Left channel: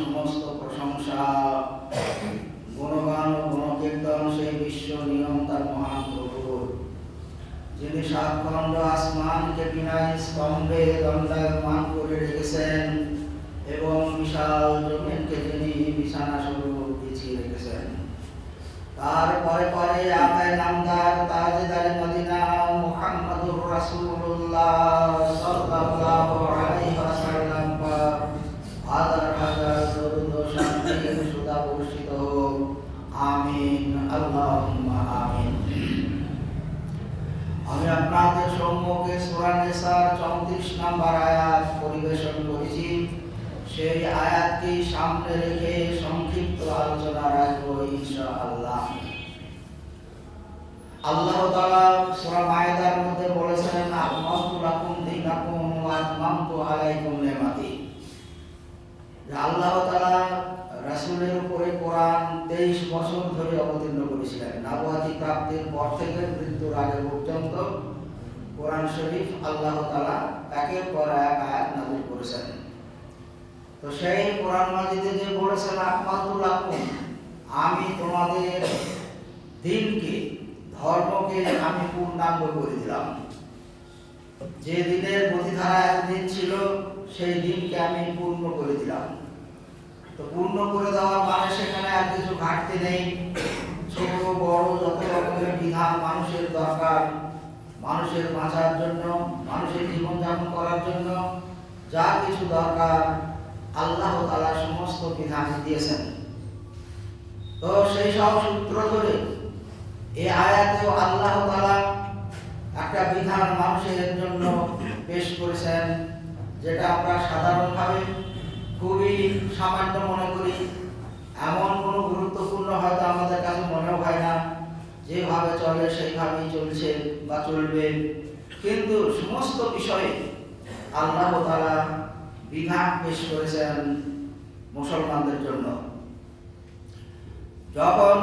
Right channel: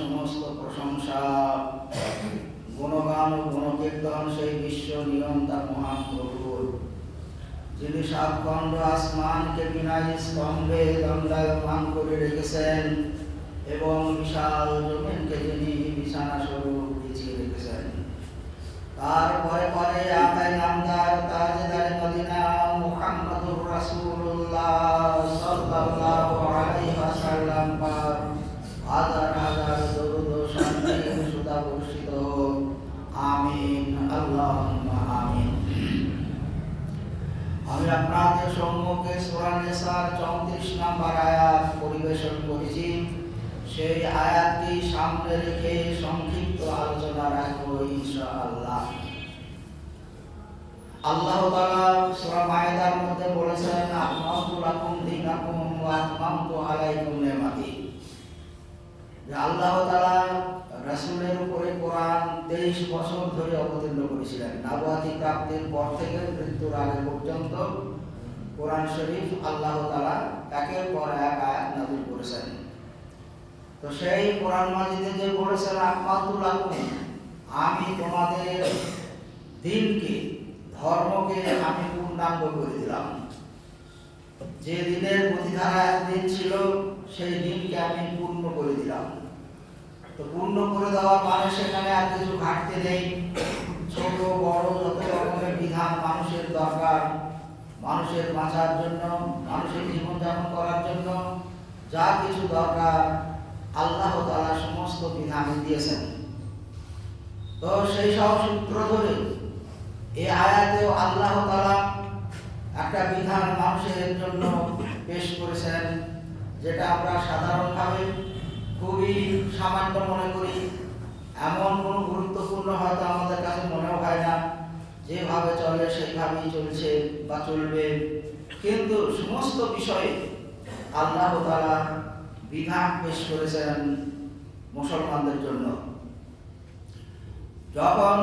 সমস্ত প্রশংসা, গুণগান ও গুণকীর্তন সেই বিশ্ব নিয়ন্তা মহান প্রভুর, যিনি সাতখণ্ড আসমানকে বিনা স্তম্ভে দণ্ডায়মান করে রেখেছেন এবং বিশাল জমিনকে যিনি বিছানা স্বরূপ বিছিয়ে রেখেছেন। তার পরে পরে আকায় নামদার তাজদার মদিনা মুহাম্মদুর রাসূলুল্লাহ সাল্লাল্লাহু আলাইহি ওয়াসাল্লাম পাক হাজার হাজার দরুদ ও শান্তির সুধা বর্ষিত হোক। আমিন, আল্লাহুম্মা আমিন। আমি আপনাদের সম্মুখে সূরা নিসার 34 নম্বর আয়াত পরিবেশন করেছি। সেই আয়াতটি সামনে রেখে সংক্ষিপ্ত আলোচনা রাখবো ইনশাআল্লাহ। আল্লাহ তাআলা সূরা মায়েদার মধ্যে বলেছেন, আকমালতু লাকুম দীনাকুম ওয়া আতমামতু আলাইকুম নি'মাতি। আল্লাহ তাআলা রাসূলের উপরে কোরআন 23 বছর ধরে অবতীর্ণ করেছিলেন। নবুয়তি প্রাপ্তির পর থেকে মৃত্যুর আগে পর্যন্ত কোরআন শরীফ আল্লাহ তাআলা একের পর এক আয়াত নাযিল করেছেন। তো সেই কোরআন মাজিদে যে বলেছেন, আকমালতু লাকুম, আমি তোমাদের দিনকে, ধর্মকে আমি পূর্ণাঙ্গ করে দিলাম। যে দিনের প্রতিধারা একদিন ছিল, সেই দিনকে আমি পূর্ণ করে দিলাম। তো পূর্ণ করে দেওয়া মানে সেখানে আর কিছু ঘাটতি নেই। ছোট বড় যত রকমের বিধান মানুষের দরকার, মানুষের বাঁচার জন্য, মানুষের জীবনযাপন করার জন্য যা কিছু দরকার আল্লাহ তাআলা সমস্ত বিধান দিয়েছেন। তো সেই সব সূত্র ধরে এই আয়াতেও আল্লাহ তাআলা একটা বিধান মানুষের জন্য পেশ করেছেন, যেটা আমরা সাধারণভাবে খুবই সামান্য মনে করি। এমন কোনো গুরুত্বপূর্ণ হয়তো আমাদের কাছে মনেও হয় না। যেভাবে চলে সেইভাবেই চলছে বা চলবে, কিন্তু সমস্ত বিষয়ে আল্লাহ তাআলা বিধান পেশ করেছেন মুসলমানদের জন্য। যখন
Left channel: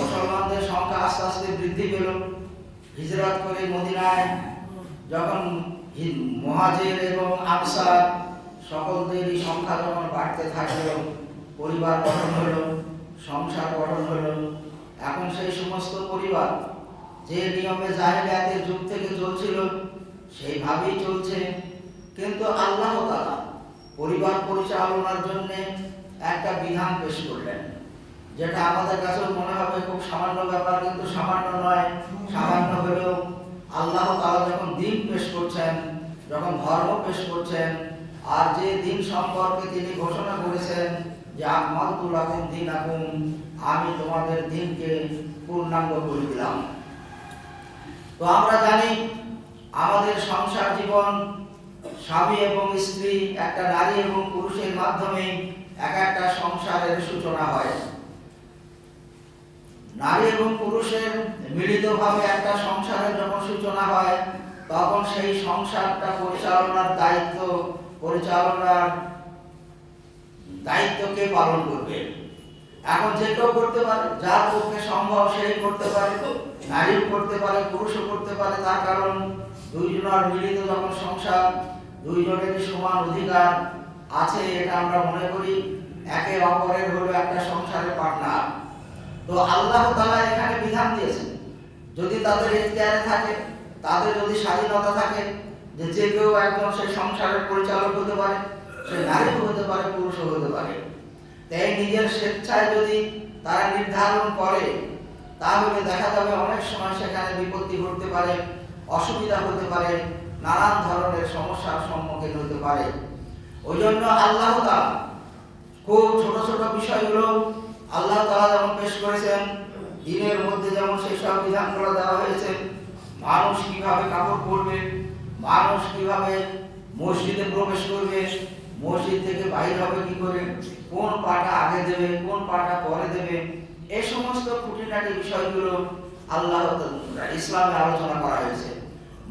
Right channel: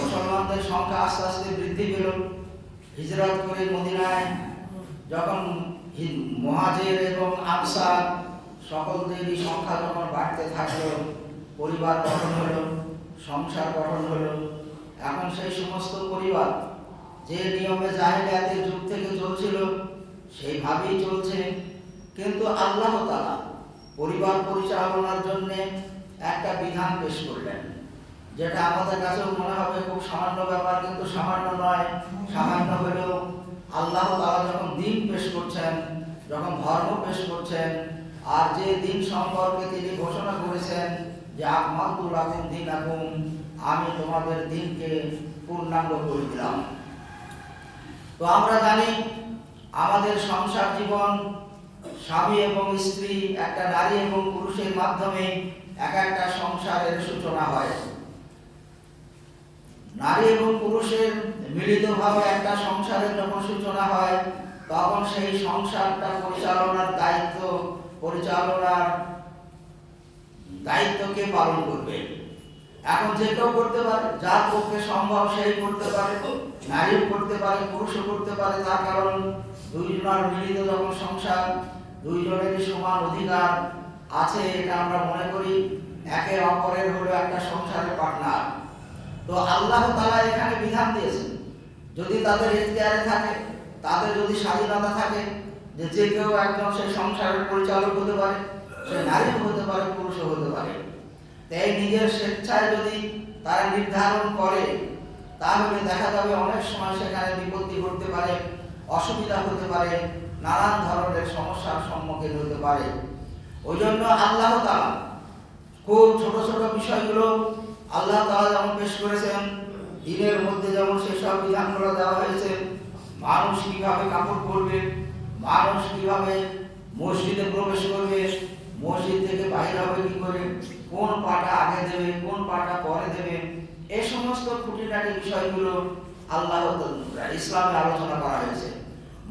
মুসলমানদের সংখ্যা আস্তে আস্তে বৃদ্ধি পেল, হিজরত করে মদিনায় যখন মুহাজির এবং আনসার সকলদেরই সংখ্যা যখন বাড়তে থাকলো, পরিবার গঠন হলো, সংসার গঠন হলো। এখন সেই সমস্ত পরিবার যে নিয়মে জাহেলিয়াতের যুগ থেকে চলছিল সেইভাবেই চলছে, কিন্তু আল্লাহ তাআলা পরিবার পরিচালনার জন্য একটা বিধান পেশ করলেন, যেটা আমাদের কাছেও মনে হবে খুব সামান্য ব্যাপার, কিন্তু সামান্য নয়। সামান্য হলেও আল্লাহ তাআলা যখন দিন পেশ করছেন, যখন ধর্ম পেশ করছেন, আর যে দিন সম্পর্কে তিনি ঘোষণা করেছেন যে আকমালতু লাকুম দীনাকুম, আমি তোমাদের দিনকে পূর্ণাঙ্গ করে দিলাম। তো আমরা জানি আমাদের সংসার জীবন, স্বামী এবং স্ত্রী, একটা নারী এবং পুরুষের মাধ্যমে এক একটা সংসারের সূচনা হয়। নারী এবং পুরুষের মিলিতভাবে একটা সংসারের যখন সূচনা হয়, তখন সেই সংসারটা পরিচালনার দায়িত্বকে পালন করবে। এখন যে কেউ করতে পারে, যার পক্ষে সম্ভব সেই করতে পারে, নারীও করতে পারে, পুরুষও করতে পারে। তার কারণ দুইজনের মিলিত যখন সংসার, দুইজনেরই সমান অধিকার আছে, এটা আমরা মনে করি। একে অপরের হলো একটা সংসারের পার্টনার। তো আল্লাহ তাআলা এখানে বিধান দিয়েছেন, যদি তাদের ইখতিয়ারে থাকে, তাদের যদি স্বাধীনতা থাকে, যে কেউ একজন সেই সংসারের পরিচালক হতে পারে, সে নারীও হতে পারে, পুরুষও হতে পারে। তাই নিজের স্বেচ্ছায় যদি তারা নির্ধারণ করে, তাহলে দেখা যাবে অনেক সময় সেখানে বিপত্তি ঘটতে পারে, অসুবিধা হতে পারে, নানান ধরনের সমস্যার সম্মুখীন হতে পারে। ওই জন্য আল্লাহ তাআলা খুব ছোট ছোট বিষয়গুলো আল্লাহ তাআলা যেমন পেশ করেছেন, দিনের মধ্যে যেমন সেই সব বিধানগুলো দেওয়া হয়েছে। মানুষ কিভাবে কাপড় পরবে, মানুষ কিভাবে মসজিদে প্রবেশ করবে, মসজিদ থেকে বাইরে হবে কি করে, কোন পাটা আগে দেবে, কোন পাটা পরে দেবে, এই সমস্ত খুঁটিনাটি বিষয়গুলো আল্লাহ ইসলামে আলোচনা করা হয়েছে।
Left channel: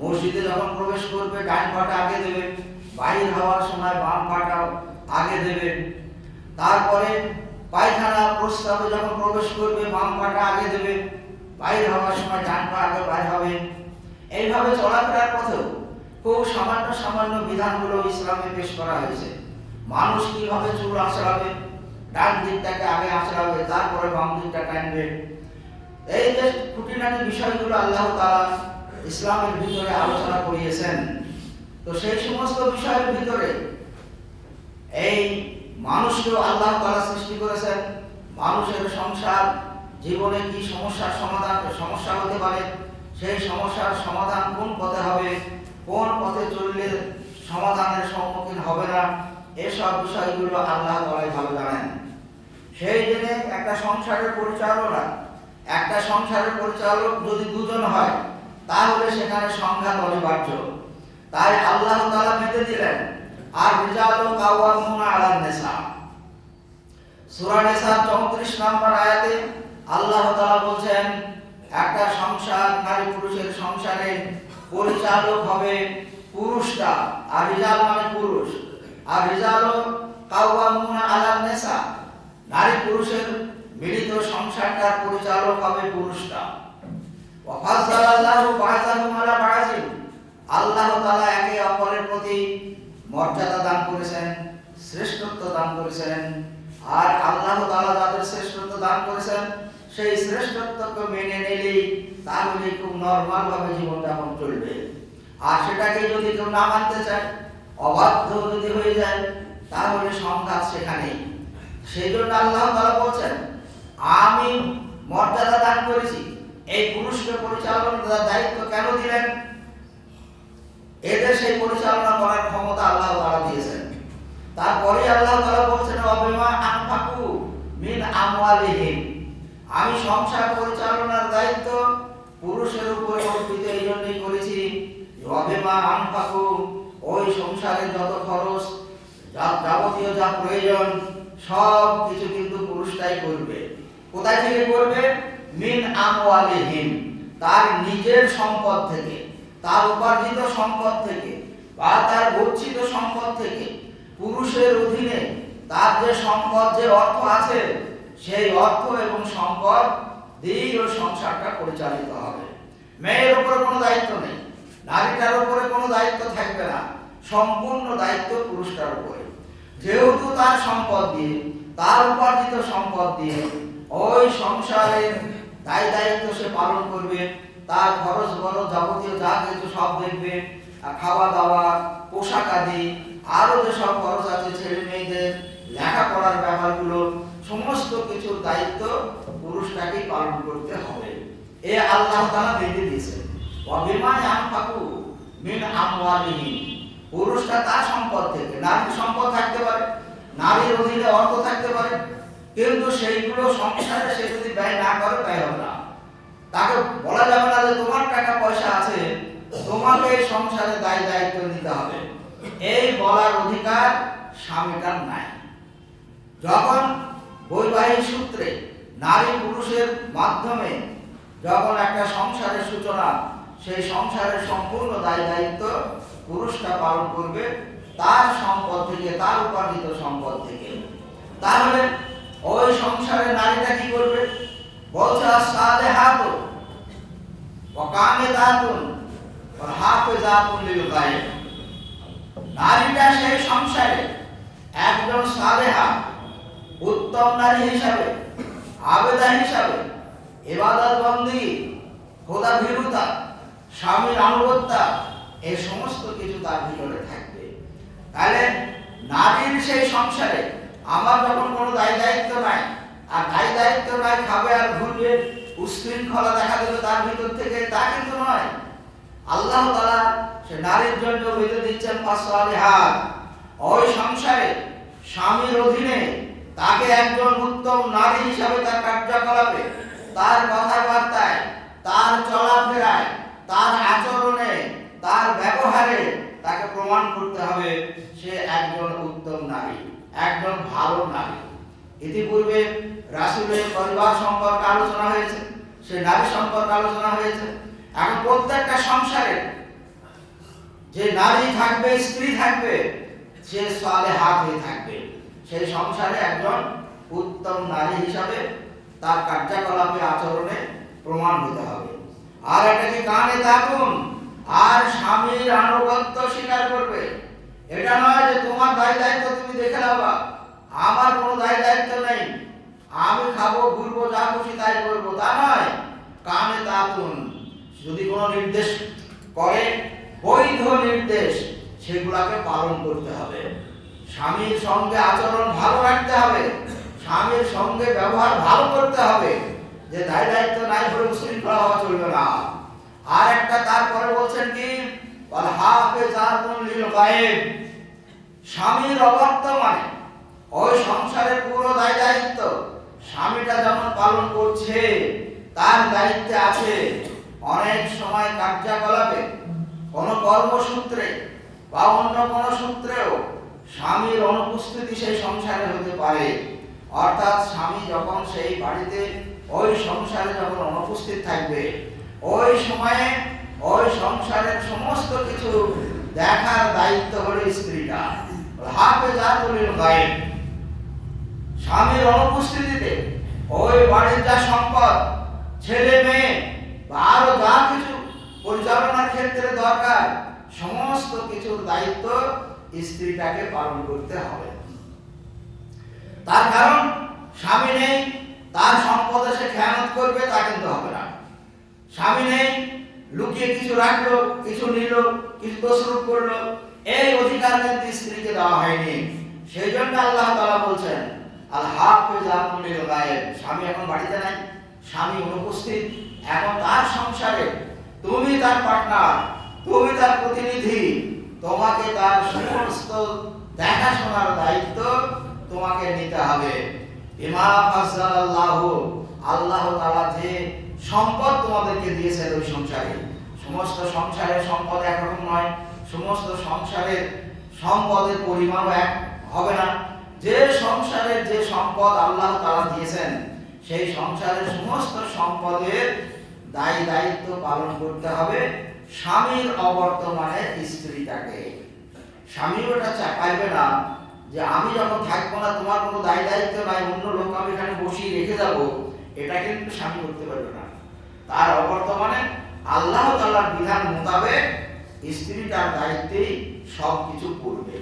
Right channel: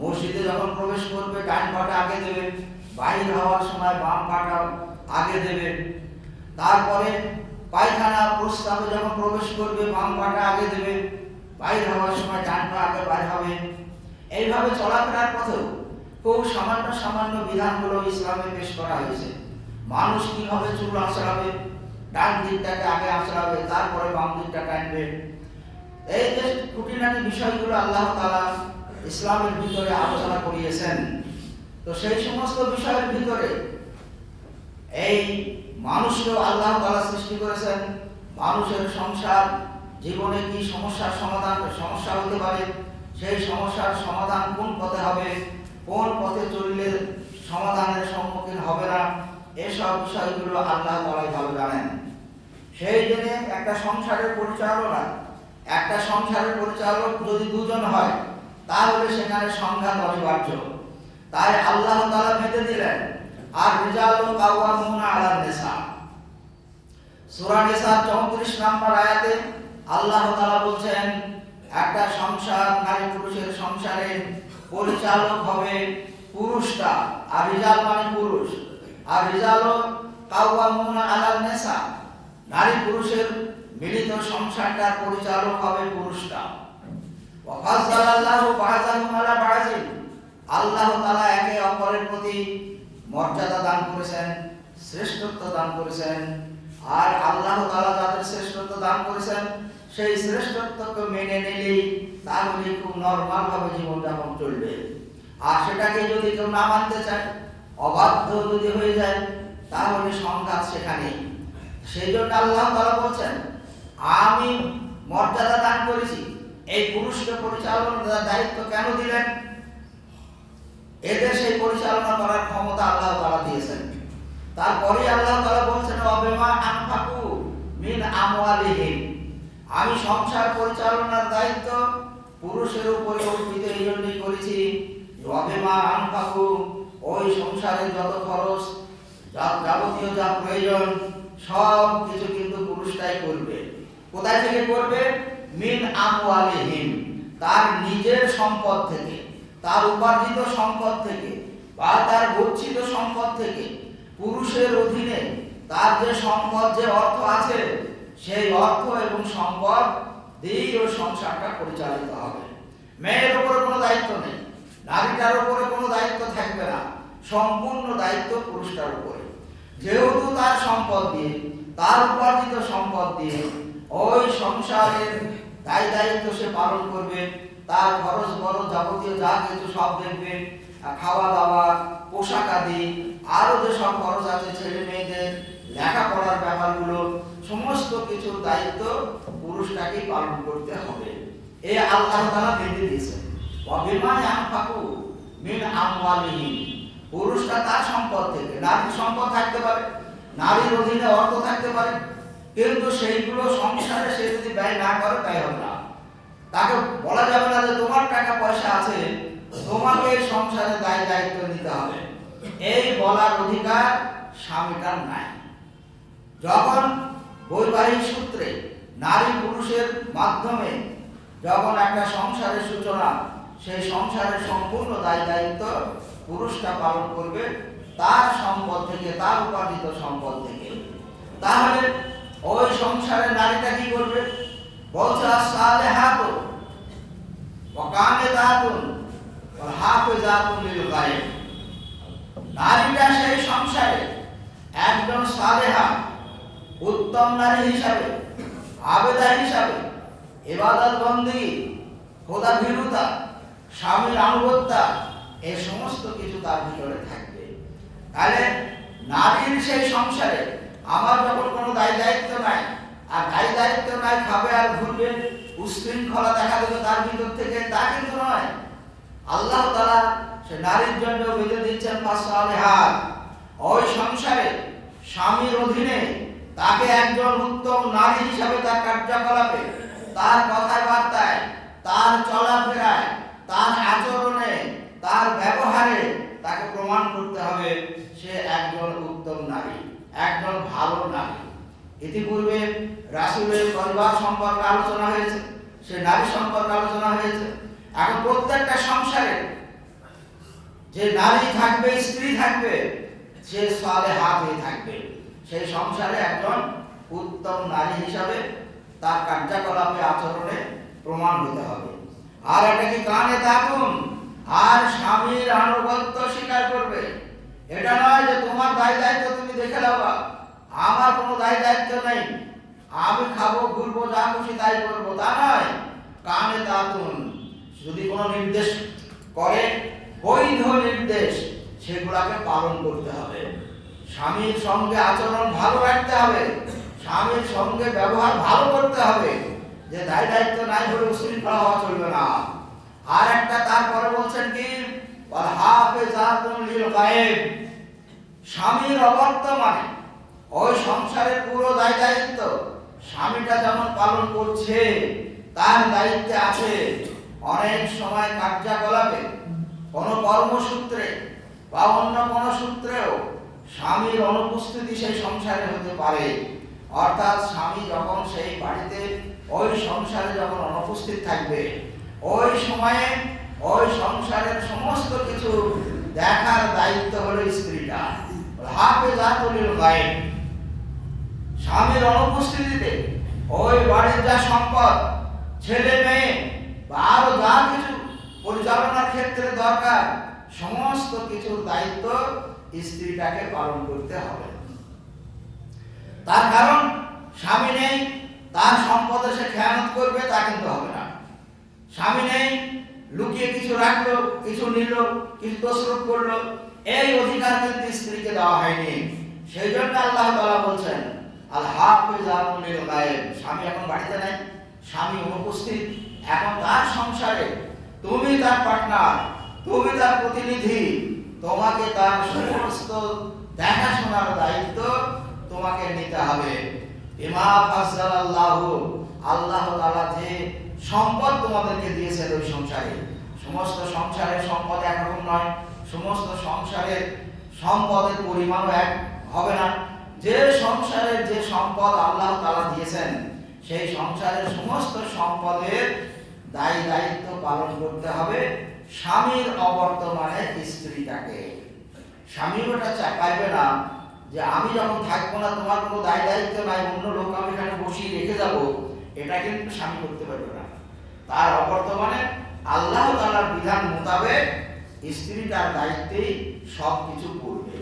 মসজিদে যখন প্রবেশ করবে ডান পাটা আগে দেবে, বাইরে হওয়ার সময় বাম পাটা আগে দেবে। তারপরে পায়খানা প্রস্রাবে যখন প্রবেশ করবে বাম পাটা আগে দেবে, বাইরে হওয়ার সময় ডান পা আগে বাইরে হবে। এইভাবে চলাফেরার পথেও খুব সামান্য সামান্য বিধানগুলো ইসলামে পেশ করা হয়েছে। মানুষ কিভাবে চুল আঁচড়াবে, ডান দিকটাকে আগে আঁচড়াবে, তারপরে বাম দিকটা টানবে। এই যে খুঁটিনাটি বিষয়গুলো আল্লাহ তাআলা ইসলামের ভিতরে আলোচনা করিয়েছেন। তো সেই সমস্ত বিষয়ের ভিতরে এই মানুষকেও আল্লাহ তাআলা সৃষ্টি করেছেন। মানুষের সংসার জীবনে কি সমস্যা হতে পারে, সেই সমস্যার সমাধান কোন পথে হবে, কোন পথে চললে সমাধানের সম্মুখীন হবে না, এসব বিষয়গুলো আল্লাহ তাআলাই ভালো জানেন। সেই জন্য একটা সংসারের পরিচালক যদি দুজন হয় তাহলে সেখানে সংঘাত অনিবার্য। তাই আল্লাহ তাআলা বেঁধে দিলেন, আর রিজালু কাওয়ামুনা আলান নিসা। সূরা নিসার 34 নম্বর আয়াতে আল্লাহ তাআলা বলছেন, একটা সংসার, নারী পুরুষের সংসারের পরিচালক হবে পুরুষটা। আর রিজাল মানে পুরুষ, আর রিজালু কাওয়ামুনা আলান নিসা, নারী পুরুষের মিলিত সংসারটার পরিচালক হবে পুরুষটা। ওয়া ফাযালাল্লাহু বা'যাহুম আলা বা'যিন, আল্লাহ তাআলা একে অপরের প্রতি মর্যাদা দান করেছেন, শ্রেষ্ঠত্ব দান করেছেন। আর আল্লাহ তাআলা যাদের শ্রেষ্ঠত্ব দান করেছেন সেই শ্রেষ্ঠত্বকে মেনে নিলেই তাহলে খুব নরমাল ভাবে জীবনযাপন চলবে। আর সেটাকে যদি কেউ না মানতে চায়, অবাধ্য যদি হয়ে যায়, তাহলে সংঘাত সেখানে। সেই জন্য আল্লাহ তাআলা বলছেন, আমি মর্যাদা দান করেছি, এই পুরুষকে পরিচালনার দায়িত্ব কেন দিলেন? এদের সেই পরিচালনা করার ক্ষমতা আল্লাহ তাআলা দিয়েছেন। তারপরে আল্লাহ তাআলা বলছেন, ওয়াবিমা আনফাকু মিন আমওয়ালিহিম, আমি সংসার পরিচালনার দায়িত্ব পুরুষের উপরে অর্পিত এই জন্যই করেছি। ওয়াবিমা আনফাকু, ওই সংসারে যত খরচ, যাবতীয় যা প্রয়োজন সব কিছু কিন্তু পুরুষটাই করবে। কোথায় থেকে করবে? মিন আমওয়ালিহিম, তার নিজের সম্পদ থেকে, তার উপার্জিত সম্পদ থেকে বা তার গচ্ছিত সম্পদ থেকে। পুরুষের অধীনে তার যে সম্পদ, যে অর্থ আছে, সেই অর্থ এবং সম্পদ দিয়ে ওই সংসারটা পরিচালিত হবে। মেয়ের উপরে কোনো দায়িত্ব নেই, নারীটার উপরে কোনো দায়িত্ব থাকবে না, সম্পূর্ণ দায়িত্ব পুরুষটার উপরে। যেহেতু তার সম্পদ দিয়ে, তার উপার্জিত সম্পদ দিয়ে ওই সংসারের দায়িত্ব সে পালন করবে। তার খরচ বড় যাবতীয় যা কিছু সব দেখবে, খাওয়া দাওয়া, পোশাক আদি, আরো যে সব খরচ আছে, ছেলে মেয়েদের লেখাপড়ার ব্যাপারগুলো, সমস্ত কিছুর দায়িত্ব পুরুষটাকেই পালন করতে হবে। এ আল্লাহ তাআলা বেঁধে দিয়েছেন। ওয়াবিমা আনফাকু মিন আমওয়ালিহিম, পুরুষটা তার সম্পদ থেকে, নারীর সম্পদ থাকতে পারে, নারীর অধীনে অর্থ থাকতে পারে, কিন্তু সেইগুলো সংসারে সে যদি ব্যয় না করে, ব্যয় হবে না। তাকে বলা যাবে না যে তোমার টাকা পয়সা আছে, তোমাকে সংসারে দায়িত্ব নিতে হবে, এই বলার অধিকার স্বামীটার নাই। যখন বৈবাহিক সূত্রে নারী পুরুষের মাধ্যমে যখন একটা সংসারের সূচনা, সেই সংসারের সম্পূর্ণ দায়িত্ব পুরুষটা পালন করবে তার সম্পদ থেকে, তার উপার্জিত সম্পদ থেকে। তাহলে ওই সংসারে নারীটা কি করবে? বলছে আস-সালিহাতু ওয়া কানিতাতুন ওয়াল হাফিজাতুন লিল গায়ব, নারীটা সেই সংসারে একজন সালেহা, উত্তম নারী হিসাবে, আবেদা হিসাবে, ইবাদত বন্দেগী, খোদা ভীরুতা, স্বামীর আনুগত্যা, এই সমস্ত কিছু তার ভিতরে থাকবে। তাহলে নারীর সেই সংসারে আমার যখন কোনো দায়িত্ব নাই, আর দায়িত্ব নাই, খাবে আর ঘুরবে, উশৃঙ্খলা দেখা দেবে তার ভিতর থেকে, তা কিন্তু নয়। আল্লাহ তাআলা সে নারীর জন্য বেঁধে দিচ্ছেন ফাসলিহাত, ওই সংসারে স্বামীর অধীনে তাকে একজন উত্তম নারী হিসাবে তার কার্যকলাপে, তার কথাবার্তায়, তার চলাফেরায়, তার আচরণে, তার ব্যবহারে তাকে প্রমাণ করতে হবে সে একজন উত্তম নারী, একজন ভালো নারী। ইতিপূর্বে রাসূলের পরিবার সম্পর্কে আলোচনা হয়েছে, সে নারী সম্পর্কে আলোচনা হয়েছে। এখন প্রত্যেকটা সংসারে যে নারী থাকবে, স্ত্রী থাকবে, সে সালেহাত হয়ে থাকবে, সেই সংসারে একজন উত্তম নারী হিসাবে তার কার্যকলাপে, আচরণে প্রমাণ হতে হবে। আর এটা কি কানে থাকুন, আর স্বামীর আনুগত্য স্বীকার করবে, এটা নয় যে তোমার দায় দায়িত্ব তুমি দেখে নেবা, আমার কোনো দায় দায়িত্ব নেই, আমি খাবো ঘুরবো যা খুশি তাই করবো, তা নয়। কানে তাতুন, যদি কোনো নির্দেশ করে বৈধ নির্দেশ সেগুলাকে পালন করতে হবে। স্বামীর সঙ্গে আচরণ ভালো রাখতে হবে, স্বামীর সঙ্গে ব্যবহার ভালো করতে হবে, যে দায় দায়িত্ব নাই বলে উশৃঙ্খলা হওয়া চলবে না। আর একটা তারপরে বলছেন কি, ওয়াল হাফিজাতুন লিল গায়ব, স্বামীর অবর্তমানে ওই সংসারের পুরো দায় দায়িত্ব স্বামীটা যেমন পালন করছে, তার দায়িত্বে আছে। অনেক সময় কার্যকলাপে কোনো কর্মসূত্রে বা অন্য কোনো সূত্রেও স্বামীর অনুপস্থিতি সেই সংসারে হতে পারে। অর্থাৎ স্বামী যখন সেই বাড়িতে ওই সংসারে যখন অনুপস্থিত থাকবে, ওই সময়ে ওই সংসারের সমস্ত কিছু দেখার দায়িত্ব হলো স্ত্রীটা। হাফেজাতুল লিল গায়ব, স্বামীর অনুপস্থিতিতে ওই বাড়ির যা সম্পদ, ছেলে মেয়ে বা আরো যা কিছু পরিচালনার ক্ষেত্রে দরকার, সমস্ত কিছুর দায়িত্ব স্ত্রীটাকে পালন করতে হবে। তার কারণ স্বামী নেই, তার সম্পদে সে খেয়ানত করবে তা কিন্তু হবে না। স্বামী নেই, লুকিয়ে কিছু রাখলো, কিছু নিল, কিছু তসরুপ করলো, এই অধিকার কিন্তু স্ত্রীকে দেওয়া হয়নি। সেই জন্য আল্লাহ তাআলা বলছেন আল হাফিজাতুল লিল গায়ব, স্বামী এখন বাড়িতে নাই, স্বামী অনুপস্থিত, এখন তার সংসারে তুমি তার পার্টনার, তুমি তার প্রতিনিধি, তোমাকে তার সমস্ত দেখাশোনার দায়িত্ব তোমাকে নিতে হবে। বিমা ফাজ্জালাল্লাহু, আল্লাহ তাআলা যে সম্পদ তোমাদেরকে দিয়েছেন ওই সংসারে, সমস্ত সংসারের সম্পদ একরকম নয়, সমস্ত সংসারের সম্পদের পরিমাণও এক হবে না। যে সংসারের যে সম্পদ আল্লাহ তাআলা দিয়েছেন, সেই সংসারের সমস্ত সম্পদের দায় দায়িত্ব পালন করতে হবে স্বামীর অবর্তমানে স্ত্রীটাকে। স্বামী ওটা পাইবে না যে আমি যখন থাকবো না তোমার কোনো দায় দায়িত্ব নাই, অন্য লোক আমি এখানে বসিয়ে রেখে যাব, এটা কিন্তু স্বামী করতে পারবে না। তার অবর্তমানে আল্লাহ তাআলার বিধান মোতাবেক স্ত্রীটার দায়িত্বেই সব কিছু করবে।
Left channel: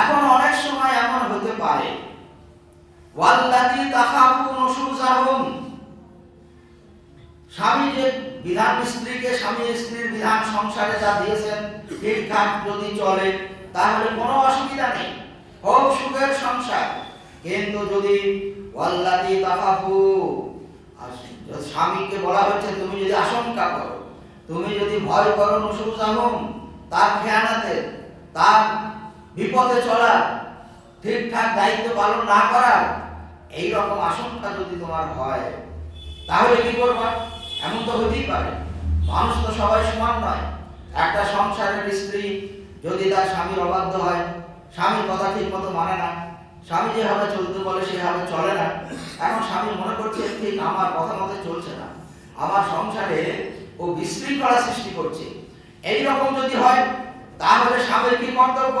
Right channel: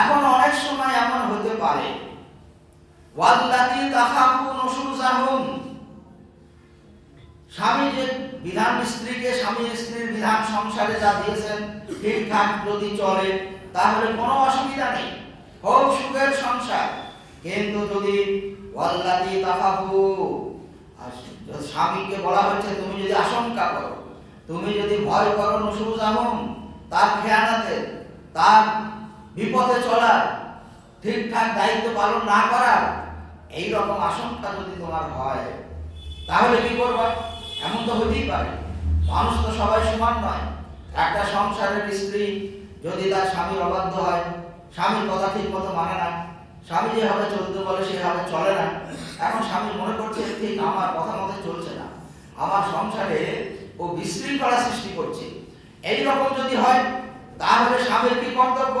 এখন অনেক সময় এমন হতে পারে, ওয়াল্লাতী তাখাফুন নুশুজাহুম, স্বামী যে বিধান স্ত্রীকে, স্বামী স্ত্রীর বিধান সংসারে যা দিয়েছেন ঠিকঠাক যদি চলে তাহলে কোনো অসুবিধা নেই, হোক সুখের সংসার। কিন্তু যদি ওয়াল্লাতী তাখাফু, স্বামীকে বলা হচ্ছে তুমি যদি আশঙ্কা করো, তুমি যদি ভয় করো নুশুজাহুম, তার খেয়ানাতে, তার বিপদে চলার, ঠিকঠাক দায়িত্ব পালন না করার, এই রকম আশঙ্কা যদি তোমার হয়, তাহলে কি করবা? এমন তো হতেই পারে, মানুষ তো সবাই সমান নয়। একটা সংসারের স্ত্রী যদি তার স্বামীর অবাধ্য হয়, স্বামীর কথা ঠিক মতো মানে না, স্বামী যেভাবে চলতে বলে সেভাবে চলে না, এখন স্বামী মনে করছে ঠিক আমার কথা মতো চলছে না, আমার সংসারে ও বিশৃঙ্খলা সৃষ্টি করছে, এই রকম যদি হয় তাহলে স্বামীর কি কর্তব্য?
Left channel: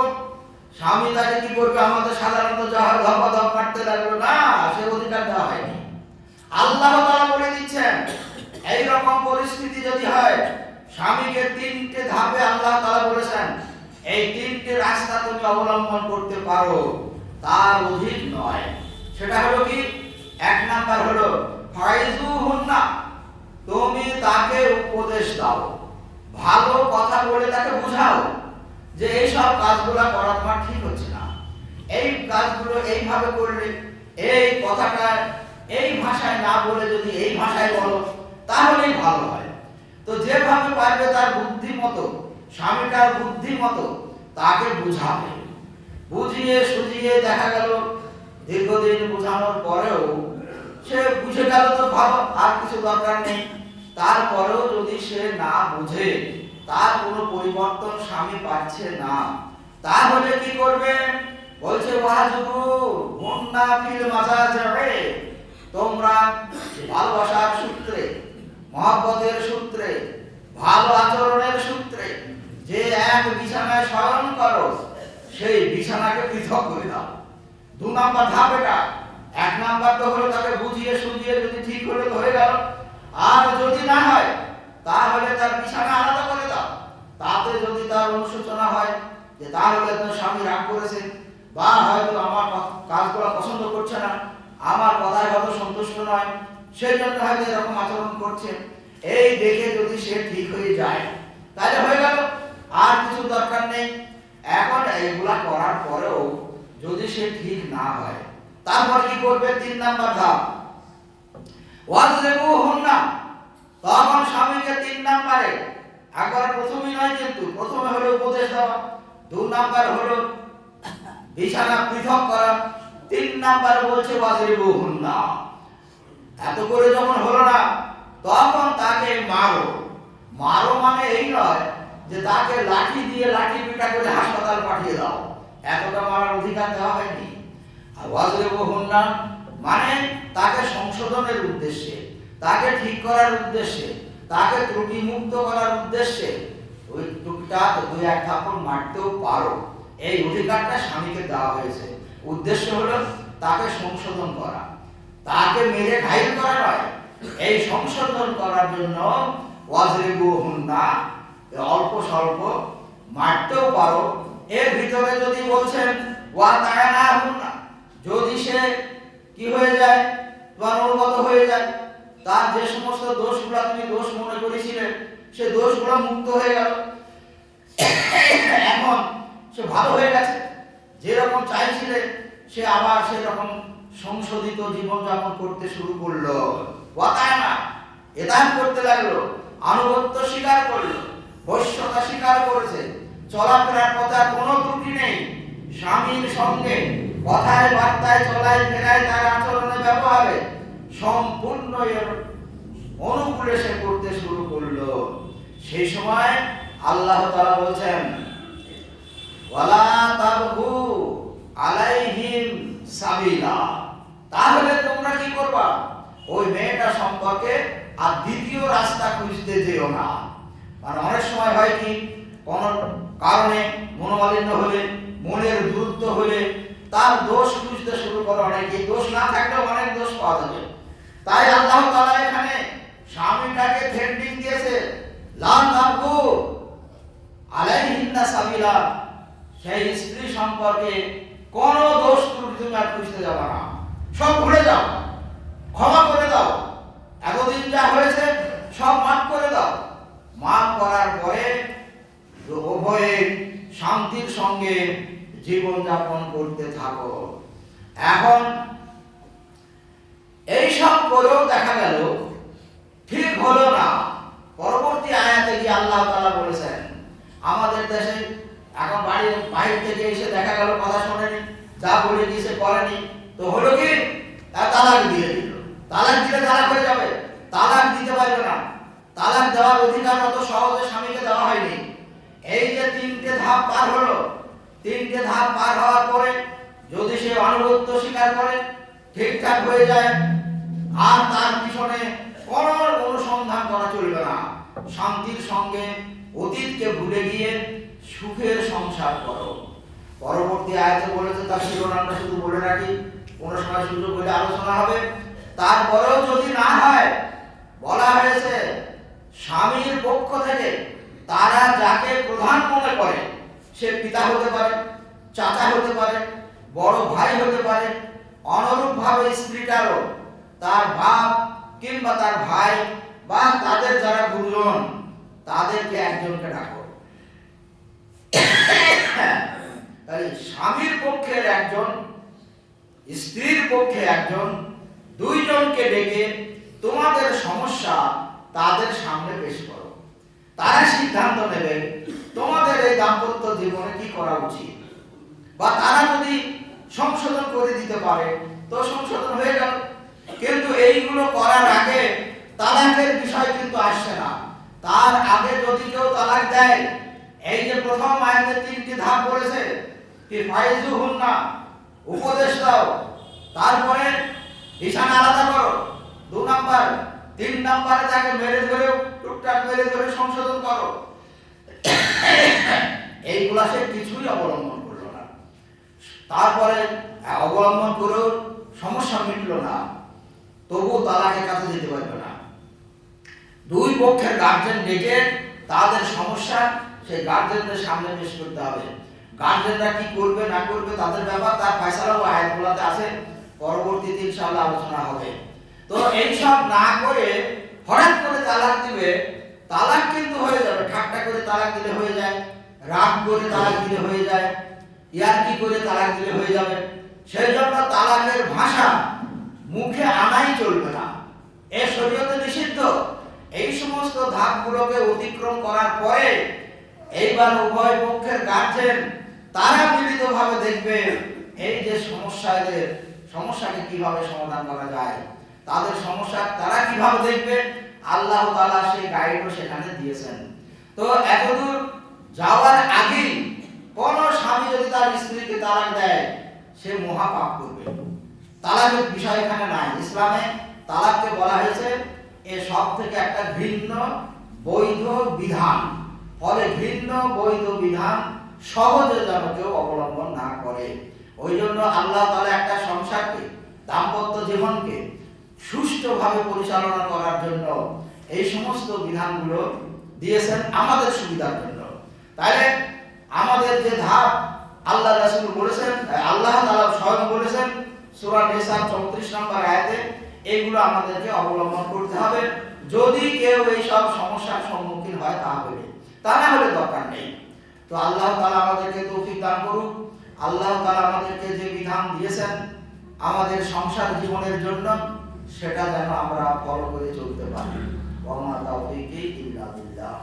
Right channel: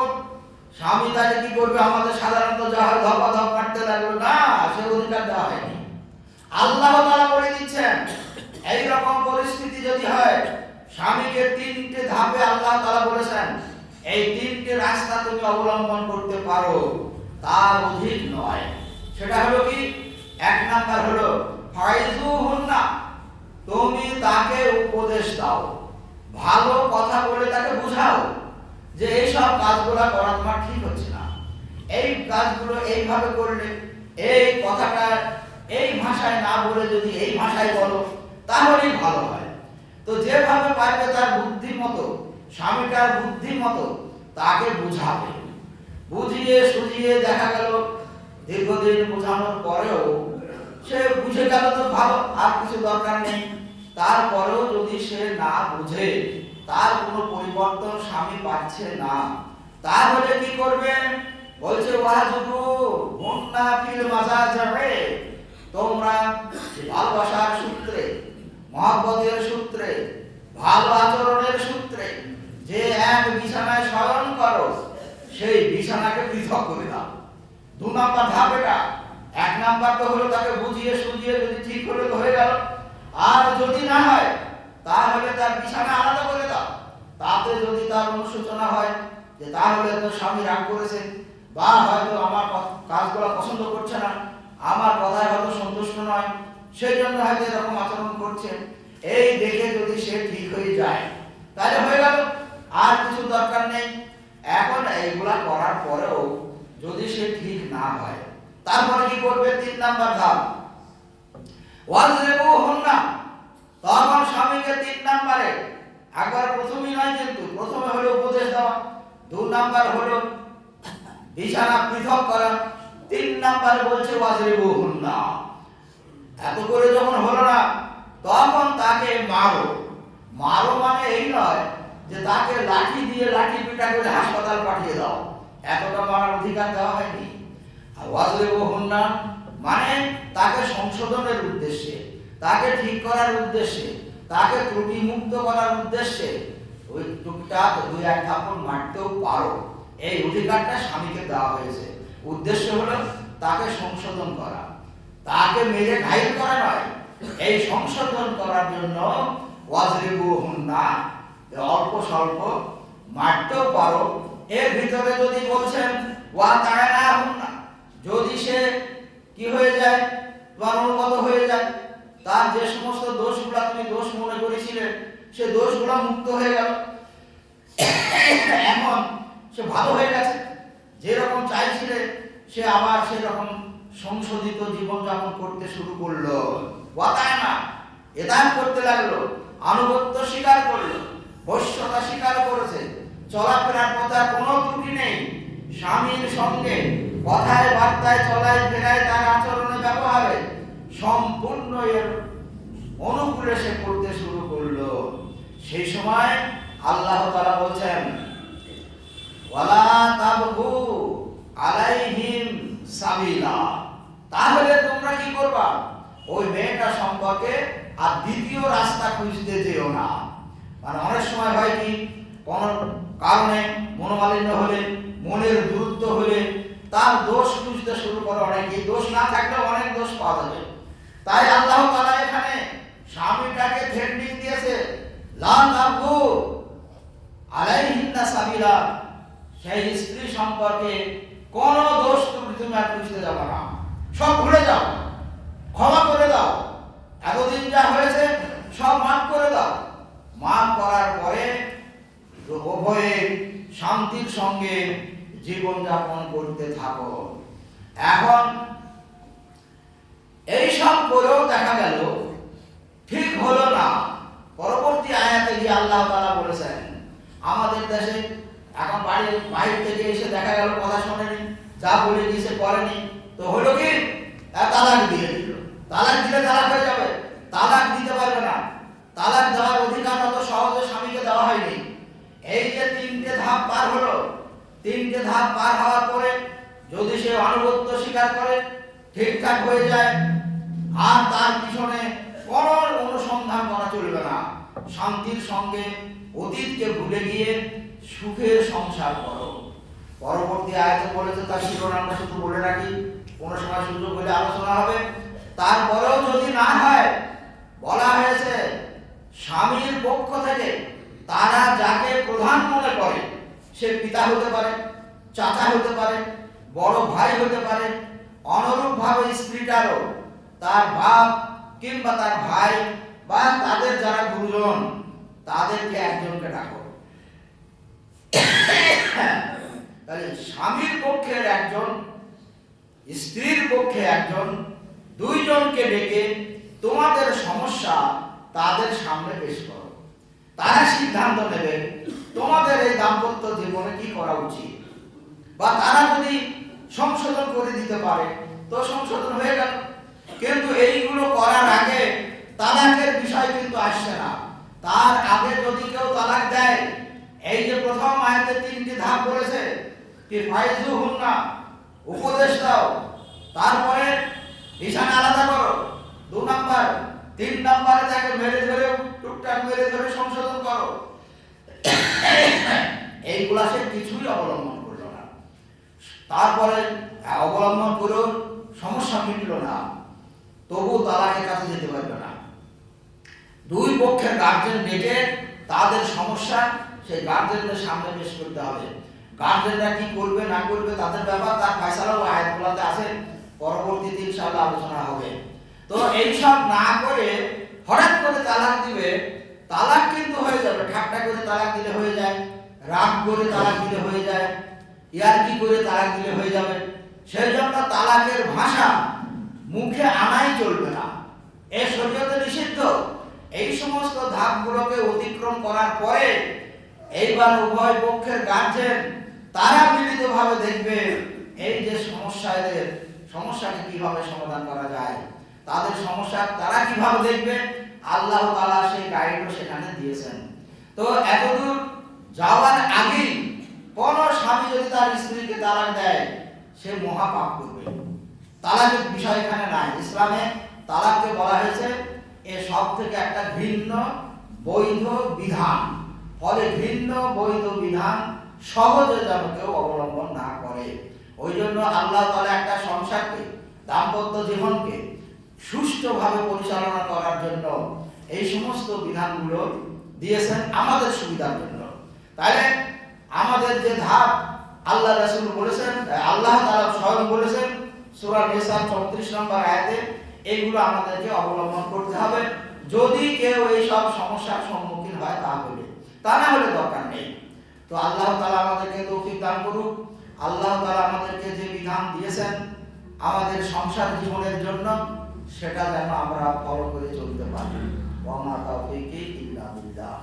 স্বামী তাকে কি করবে? আমাদের সাধারণত যাহার ধপাধপ মারতে লাগলো না, সে অধিকার দেওয়া হয়নি। আল্লাহ তাআলা বলে দিচ্ছেন এই রকম পরিস্থিতি যদি হয়, স্বামীকে তিনটে ধাপে আল্লাহ তাআলা বলেছেন এই তিনটে রাস্তা তুমি অবলম্বন করতে পারো, তার অধিক নয়। সেটা হলো কি? এক নাম্বার হলো ফাইজুহুন্না, তুমি তাকে উপদেশ দাও, ভালো কথা বলে তাকে বুঝাও যে এই সব কাজগুলো করা তোমার ঠিক হচ্ছে না, এই কাজগুলো এইভাবে করলে, এই কথাটা এই ভাষায় না বলে যদি এই ভাষায় বলো তাহলেই ভালো হয়। তো যেভাবে পারবে তার বুদ্ধি মতো, স্বামীটার বুদ্ধি মতো তাকে বুঝাবে। বুঝিয়ে সুঝিয়ে দেখা গেল দীর্ঘদিন বোঝানোর পরেও সে বুঝে গেল তো ভালো, আর কিছু দরকার নেই। তারপরেও যদি সে না বুঝে, তার কোনো পরিবর্তন স্বামী পাচ্ছে না, তাহলে কি করবে? বলছে ওয়াজুরু মুন্না ফিল মাজাজে, তোমরা ভালোবাসার সূত্রে, মহব্বতের সূত্রে, ভালো আচরণের সূত্রে যে এক বিছানায় শয়ন করো, সেই বিছানাকে পৃথক করে দাও। দু নাম্বার ধাপ এটা। এক নাম্বার তো হলো তাকে বুঝিয়ে সুঝিয়ে যদি ঠিক হলে তো হয়ে গেল, আর যদি না হয় তাহলে তার বিছানা আলাদা করে দাও, তাতে যদি তার অনুশোচনা হয় যে তাহলে তো স্বামী রাগ করেছে, বা হয়তো আমার কাজগুলো পছন্দ করছে না, আমার কথায় হয়তো সন্তুষ্ট নয়, সেই জন্য হয়তো এরকম আচরণ করছে, এই দেখে যদি সে ঠিক হয়ে যায় তাহলে হয়ে গেল, আর কিছু দরকার নেই। এখন এইগুলা করার পরেও যদি সে ঠিক না হয়, তারপর কি করবে? 3 নাম্বার ধাপ, ওয়াজরিবুহুন্না। তখন স্বামীকে 3 নাম্বারে, একবার প্রথমেই নয় কিন্তু, প্রথমে হলো উপদেশ দেওয়া, 2 নাম্বার হলো বিছানা পৃথক করা, 3 নাম্বারে বলছে ওয়াজরিবুহুন্না। এত করে যখন হলো না, তখন তাকে মারো। মারো মানে এই নয় যে তাকে লাঠি দিয়ে লাঠি পিটা করে হাসপাতাল পাঠিয়ে দাও, এতটা মারার অধিকার দেওয়া হয়নি। আর ওয়াজরিবুহুন্না মানে তাকে সংশোধনের উদ্দেশ্যে, তাকে ঠিক করার উদ্দেশ্যে, তাকে ত্রুটি মুক্ত করার উদ্দেশ্যে ওই টুকটাক 2-1 থাপ্পড় মারতেও পারো, এই অধিকারটা স্বামীকে দেওয়া হয়েছে। উদ্দেশ্য হলো তাকে সংশোধন করা, তাকে মেরে ঘায়েল করা নয়, এই সংশোধন করার জন্য ওয়াজরিবুহুন্না, অল্প স্বল্প মারতেও পারো। এর ভিতরে যদি বলছেন ওয়াতানাহুন্না, যদি সে কি হয়ে যায়, তোমার অনুগত হয়ে যায়, তার যে সমস্ত দোষগুলো তুমি দোষ মনে করেছিলে সে দোষগুলো মুক্ত হয়ে গেল, এখন সে ভালো হয়ে গেছে, যেরকম চাইছিলে সে আবার সেরকম সংশোধিত জীবনযাপন করতে শুরু করলো। ওয়াতানা, এদান করতে লাগলো, আনুগত্য স্বীকার করলো, বশ্যতা স্বীকার করেছে, চলাফেরার পথে কোনো ত্রুটি নেই, স্বামীর সঙ্গে কথায় বার্তায় চলায় ফেরায় তার আচরণে ব্যবহারে সম্পূর্ণ এর অনুকূলে সে করতে শুরু করলো। সেই সময় আল্লাহ তাআলা বলছেন ওয়ালা তাবগু আলাইহিম সাবিলা, তাহলে তোমরা কি করবা? ওই মেয়েটা সম্পর্কে আর দ্বিতীয় রাস্তা খুঁজতে যেও না। মানে অনেক সময় হয় কি, কোন কারণে মনোমালিন্য হলে, মনের দূরত্ব হলে তার দোষ খুঁজতে শুরু করে অনেকে, দোষ না থাকলেও অনেক দোষ পাওয়া যাবে। তাই আল্লাহ তাআলা এখানে স্বামীটাকে থ্রেটনিং দিয়েছে, লা তাবগু আলাইহিন্না সাবিলা, সেই স্ত্রী সম্পর্কে কোন দোষ তুমি আর খুঁজতে যাবে না, সব ভুলে যাও, ক্ষমা করে দাও, এতদিন যা হয়েছে সব মাফ করে দাও। মাফ করার পরে উভয়ে শান্তির সঙ্গে জীবন যাপন করতে থাকো। এখন এই সব করেও দেখা গেল ঠিক হলো না, পরবর্তী আয়াতে গিয়ে আল্লাহ তাআলা বলেছেন, আমাদের দেশে এখন বাড়ির বাইরে থেকে এসে দেখা গেল কথা শোনেনি, যা বলে দিয়েছে করেনি, তো হলো কি, তালাক দিয়ে দিল। তালাক দিলে তালাক হয়ে যাবে? তালাক দিতে পারবে না, তালাক দেওয়ার অধিকার অত সহজে স্বামীকে দেওয়া হয়নি। এই যে 3টে ধাপ পার হলো, 3টে ধাপ পার হওয়ার পরে যদি সে আনুগত্য স্বীকার করে, ঠিকঠাক হয়ে যায়, আর তার পিছনে কোন অনুসন্ধান করা চলবে না, শান্তির সঙ্গে অতীতকে ভুলে গিয়ে সুখের সংসার করো। পরবর্তী আয়াতে বলেছে, তার শিরোনামটা শুধু বলে রাখি, কোনো সময় সুযোগ হলে আলোচনা হবে। তারপরেও যদি না হয়, বলা হয়েছে স্বামীর পক্ষ থেকে তারা যাকে প্রধান মনে করে, সে পিতা হতে পারে, চাচা হতে পারে, বড় ভাই হতে পারে, অনুরূপভাবে স্ত্রীটারও তার বাপ কিংবা তার ভাই বা তাদের যারা গুরুজন, তাদেরকে একজনকে ডাকো। তাহলে স্বামীর পক্ষে একজন, স্ত্রীর পক্ষে একজন, 2 জনকে ডেকে তোমাদের সমস্যা তাদের সামনে পেশ করো, তারা সিদ্ধান্ত নেবে তোমাদের এই দাম্পত্য জীবনে কি করা উচিত, বা তারা যদি সংশোধন করে দিতে পারে তো সংশোধন হয়ে গেল। কিন্তু এইগুলো করার আগে তালাকের বিষয় কিন্তু আসছে না। তার আগে যদি কেউ তালাক দেয়, এই যে প্রথম আয়াতে 3টি ধাপ বলেছে কি, ফাইজুহুন্না, উপদেশ দাও, তারপরে বিছানা আলাদা করো, 2 নাম্বার, 3 নাম্বারে তাকে মেরে ধরে, টুকটাক মেরে ধরে সংশোধন করো। এইগুলা সে কিছুই অবলম্বন করলো না। তারপরে অবলম্বন করেও সমস্যা মিটলো না, তবু তালাকের কাছে যেতে পারবে না। 2 পক্ষের গার্জেন ডেকে তাদের সমস্যা সেই গার্জেনদের সামনে পেশ করতে হবে। গার্জেনরা কি করবে না করবে তাদের ব্যাপার, তার ফয়সালাও আয়াতগুলোতে আছে, পরবর্তীতে ইনশাআল্লাহ আলোচনা হবে। তো এইসব না করে হঠাৎ করে তালাক দিবে, তালাক কিন্তু হয়ে যাবে, ঠাট্টা করে তালাক দিলে হয়ে যায়, রাগ করে তালাক দিলে হয়ে যায়, ইয়ার্কি করে তালাক দিলে হয়ে যাবে। সেই জন্য তালাকের ভাষা মুখে আনাই চলবে না, এ শরীয়তে নিষিদ্ধ। এই সমস্ত ধাপগুলোকে অতিক্রম করার পরে এইবার উভয় পক্ষের গার্জেন তারা মিলিতভাবে দেখবে এই যে সমস্যাকে কিভাবে সমাধান করা যায়, তাদের সমস্যা তারা কিভাবে দেখবে, আল্লাহ তাআলা সেই গাইডও সেখানে দিয়েছেন। তো এতদূর যাওয়ার আগে কোন স্বামী যদি তার স্ত্রীকে তালাক দেয় সে মহাপাপ করবে। তালাকের বিষয় এখানে নাই, ইসলামে তালাককে বলা হয়েছে এ সব থেকে একটা ভিন্ন বৈধ বিধান। ফলে ভিন্ন বৈধ বিধান সহজে যেন কেউ অবলম্বন না করে। ওই জন্য আল্লাহ তাআলা একটা সংসারকে, দাম্পত্য জীবনকে সুষ্ঠুভাবে পরিচালনা করার জন্য এই সমস্ত বিধানগুলো দিয়েছেন আমাদের সুবিধার জন্য। তাইলে আমাদের যে ধাপ আল্লাহ রাসূল বলেছেন, আল্লাহ তাআলা স্বয়ং বলেছেন সূরা নিসা 34 নম্বর আয়াতে, এইগুলো আমাদেরকে অবলম্বন করতে হবে যদি কেউ এই সব সমস্যার সম্মুখীন হয় তাহলে, তা না হলে দরকার নেই। তো আল্লাহ তাআলা আমাদেরকে তৌফিক দান করুক। আল্লাহ তাআলা আমাদেরকে যে বিধান দিয়েছেন আমাদের সংসার জীবনের জন্য সেটা যেন আমরা ফলো করে চলতে পারি। ওয়া মা তাওফীকি ইল্লা বিল্লাহ।